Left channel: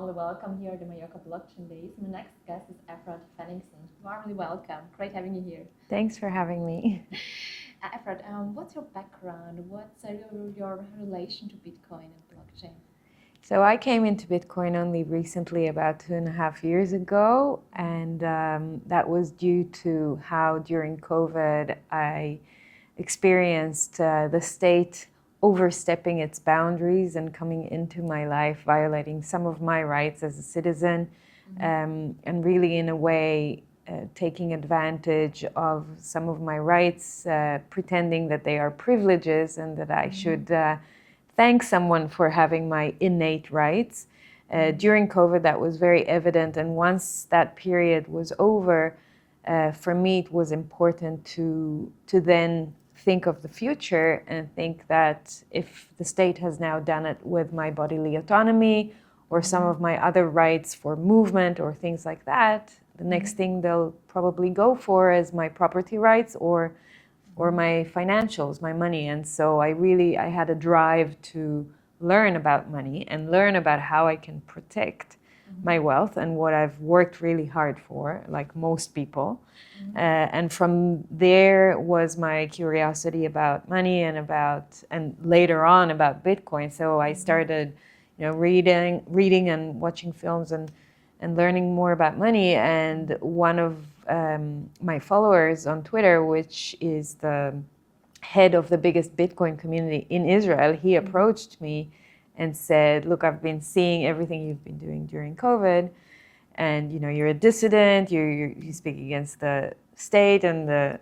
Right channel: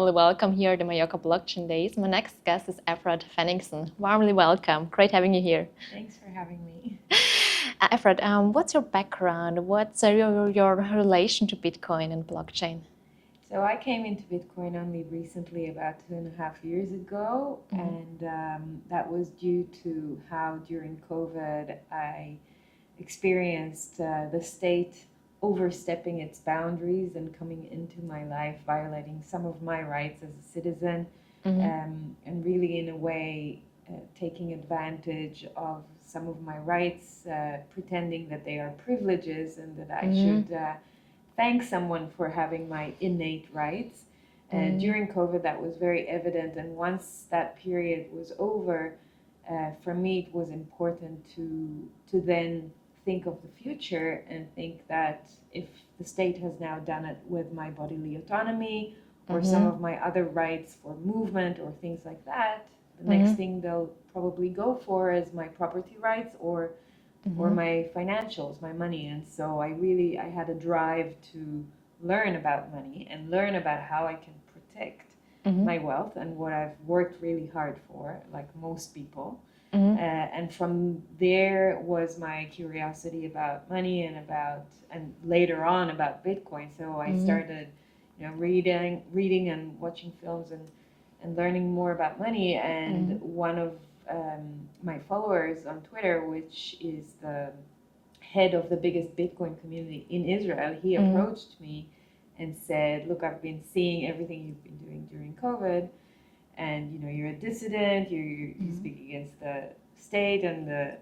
warmly welcome here at the Mallorca Blockchain Days. My next guest is Efrat Fenigson. Warmly welcome. Great having you here. Thanks for having me. Efrat, what's your background? What's your relation to Bitcoin and blockchain? So I came into Bitcoin only recently, about 2.5 years ago, and that was due to how during COVID I experienced the state overstepping its boundaries and coming into my life, violating some of my rights as a citizen, and really in a way taking advantage of some of my rights, pretending that they are privileges and that I should thank someone for having my innate rights. During COVID, that was very evident, and once that period was over, for me it was important to then think of the future and think that if the state has now done it with my bodily autonomy or some of my other rights for movement or things like that, the next thing they'll probably go for is my property rights or my financials, my money. And so I had a drive to learn about money and learn about how I can protect my wealth and what I've worked really hard for, like most people. And from there was my curiosity about money and later on about Bitcoin. So I started, reading and watching films and learning more about money. And one of my followers on Twitter, which is the head of the biggest Bitcoin community in Israel, he approached me and said, look, I've been seeing everything you've been doing during COVID, and you're a dissident, you speak against the state and the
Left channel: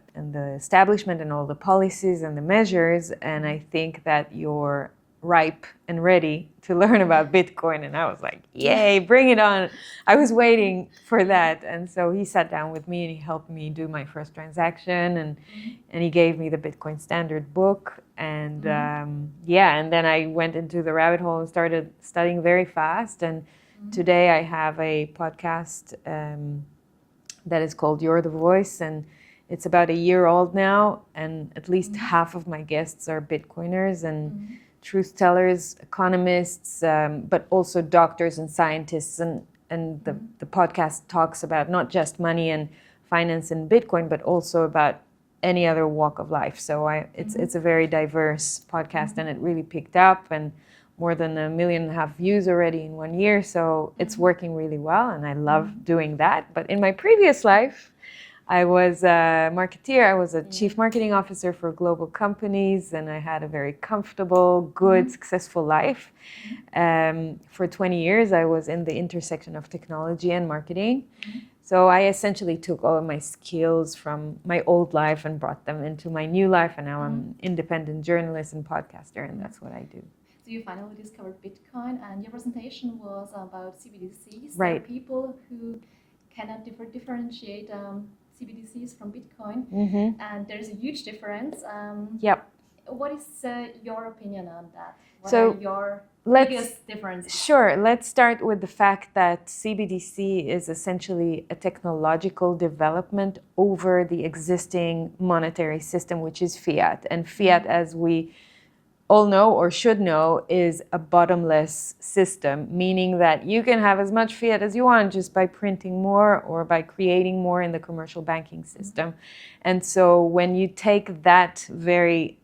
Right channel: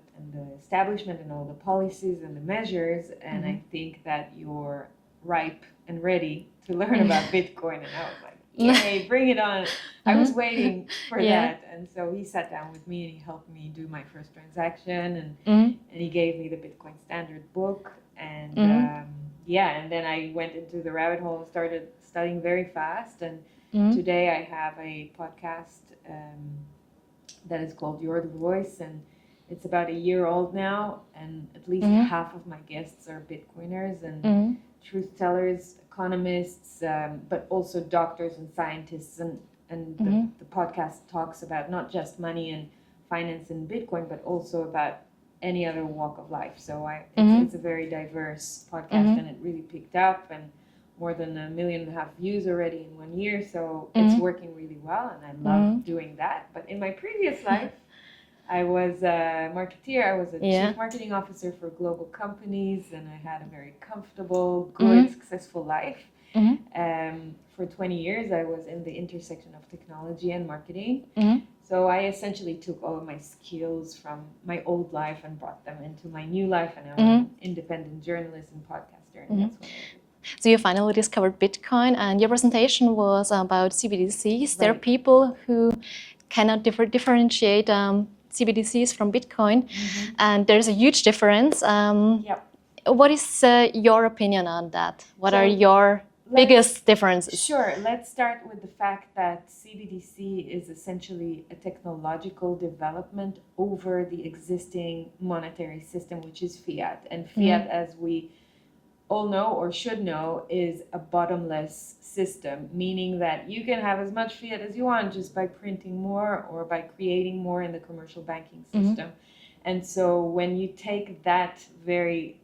establishment and all the policies and the measures, and I think that you're ripe and ready to learn about Bitcoin. And I was like, yay, bring it on. I was waiting for that. And so he sat down with me and he helped me do my first transaction, and he gave me the Bitcoin Standard book. And and then I went into the rabbit hole and started studying very fast. And today I have a podcast that is called You're the Voice, and it's about a year old now, and at least half of my guests are Bitcoiners and truth tellers, economists, but also doctors and scientists. And the podcast talks about not just money and finance and Bitcoin, but also about any other walk of life. So it's a very diverse podcast, and it really picked up, and more than 1.5 million views already in 1 year. So it's working really well, and I love doing that. But in my previous life, I was a marketeer. I was a chief marketing officer for global companies, and I had a very comfortable, good, successful life. For 20 years, I was in the intersection of technology and marketing. So I essentially took all of my skills from my old life and brought them into my new life. And now I'm an independent journalist and podcaster, and that's what I do. So you finally discovered Bitcoin, and your presentation was about CBDCs. There are people who cannot differentiate CBDCs from Bitcoin, and there's a huge difference. What is your opinion on that? What are your biggest differences? Sure. Let's start with the fact that CBDC is essentially a technological development over the existing monetary system, which is fiat. And fiat, as we all know or should know, is a bottomless system, meaning that you can have as much fiat as you want just by printing more or by creating more in the commercial banking system. And so when you take that very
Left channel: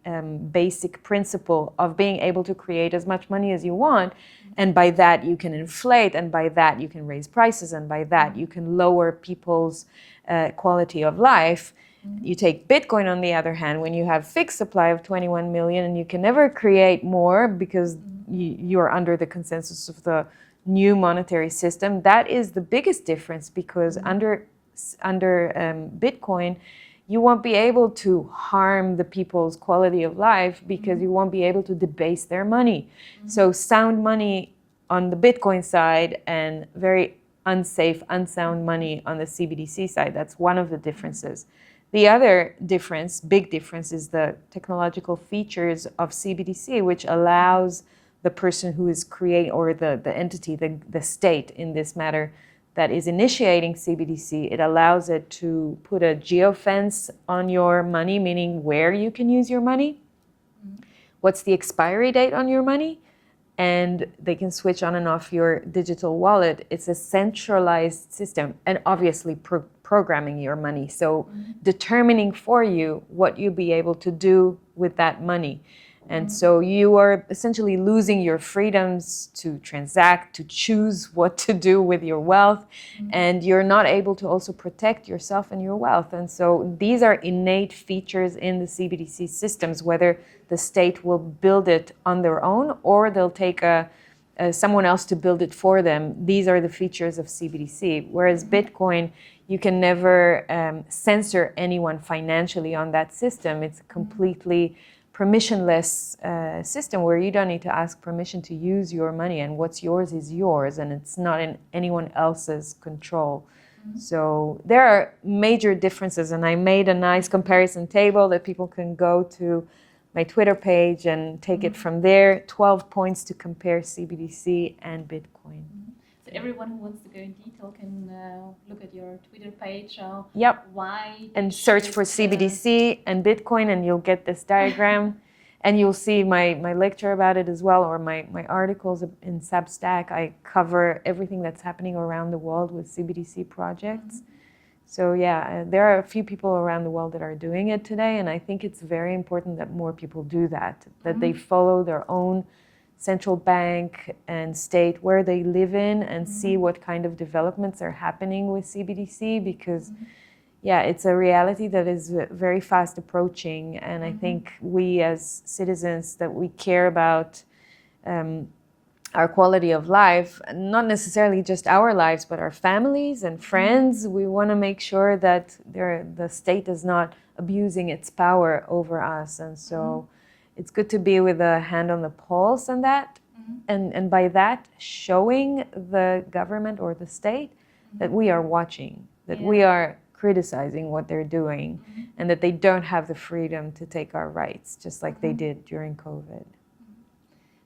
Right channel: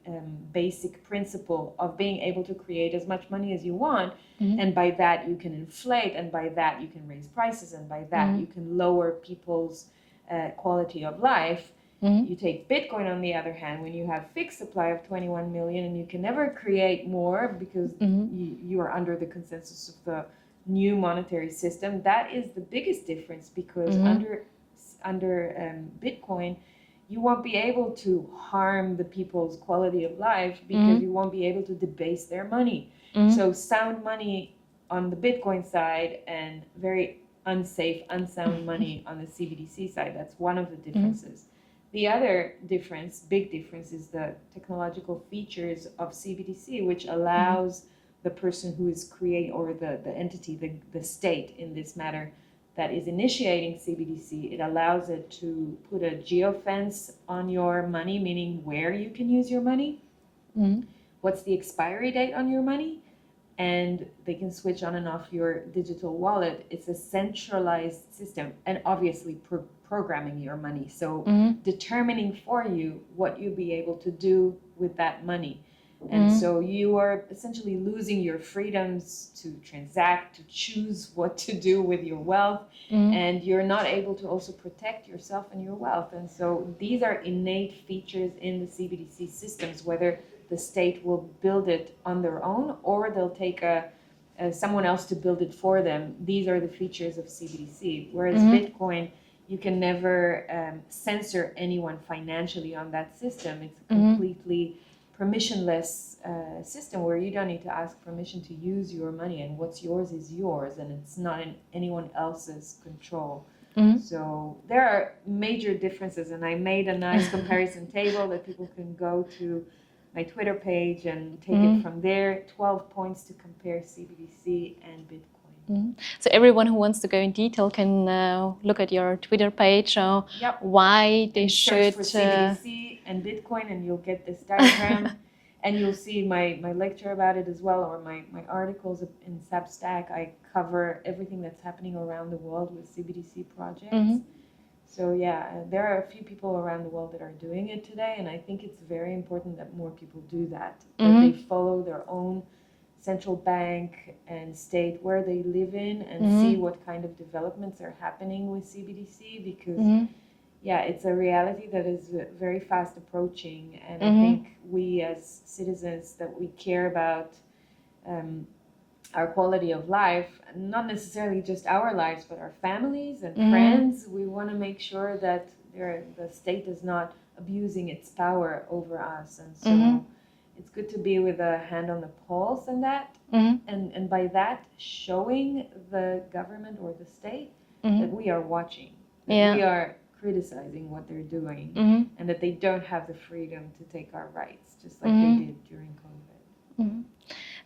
basic principle of being able to create as much money as you want, and by that you can inflate, and by that you can raise prices, and by that you can lower people's quality of life. You take Bitcoin, on the other hand, when you have fixed supply of 21 million and you can never create more because you are under the consensus of the new monetary system. That is the biggest difference, because under Bitcoin, you won't be able to harm the people's quality of life because you won't be able to debase their money. So sound money on the Bitcoin side and very unsafe, unsound money on the CBDC side. That's one of the differences. The other difference, big difference, is the technological features of CBDC, which allows the person who is creating, or the entity, the state in this matter, that is initiating CBDC, it allows it to put a geofence on your money, meaning where you can use your money, what's the expiry date on your money, and they can switch on and off your digital wallet. It's a centralized system, and obviously programming your money. So determining for you what you'll be able to do with that money. And so you are essentially losing your freedoms to transact, to choose what to do with your wealth. And you're not able to also protect yourself and your wealth. And so these are innate features in the CBDC systems, whether the state will build it on their own or they'll take someone else to build it for them. These are the features of CBDC. Whereas Bitcoin, you can never censor anyone financially on that system. It's completely permissionless system where you don't need to ask permission to use your money, and what's yours is yours, and it's not in anyone else's control. So there are major differences, and I made a nice comparison table that people can go to my Twitter page and take it from there. 12 points to compare CBDC and Bitcoin. So everyone who wants to go in detail can look at your Twitter page. Why they should search for CBDC and Bitcoin, and you'll get this diagram. And you'll see my lecture about it as well, or my articles in Substack. I cover everything that's happening around the world with CBDC projects. So yeah, there are a few people around the world that are doing it today, and I think it's very important that more people do that, that they follow their own central bank and state where they live in and see what kind of developments are happening with CBDC, because yeah, it's a reality that is very fast approaching, and I think we as citizens, that we care about our quality of life, not necessarily just our lives, but our families and friends. We want to make sure that the state is not abusing its power over us. And so it's good to be with a hand on the pulse on that. And by that, showing the government or the state that we are watching, that we are criticizing what they're doing, and that they don't have the freedom to take our rights, just like they did during COVID.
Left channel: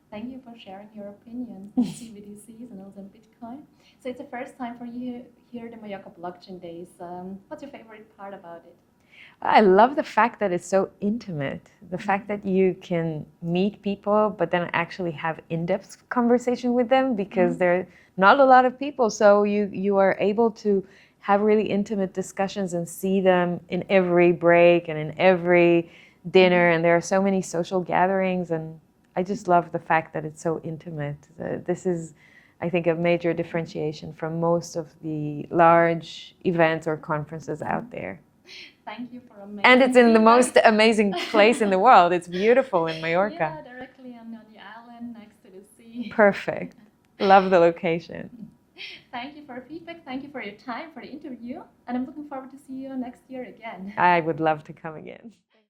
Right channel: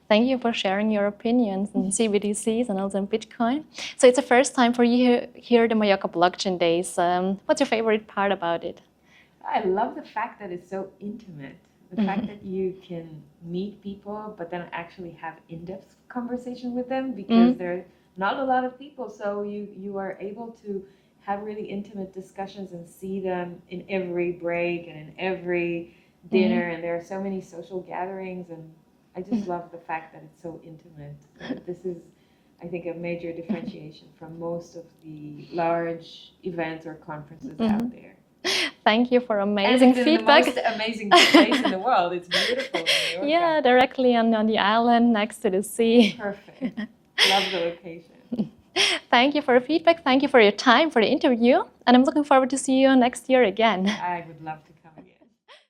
Thank you for sharing your opinions on CBDCs and also on Bitcoin. So it's the first time for you here at the Mallorca Blockchain Days. What's your favorite part about it? I love the fact that it's so intimate. The fact that you can meet people, but then actually have in-depth conversation with them, because there are not a lot of people. So you are able to have really intimate discussions and see them in every break and in every dinner. And there are so many social gatherings, and I just love the fact that it's so intimate. This is, I think, a major differentiation from most of the large events or conferences out there. Thank you for amazing And it's in feedback. the most amazing place in the world. It's beautiful in Mallorca. Yeah, directly on the island next to the sea. Perfect. Love the location. Thank you for your feedback. Thank you for your time for the interview. And I'm looking forward to see you next year again. I would love to come again.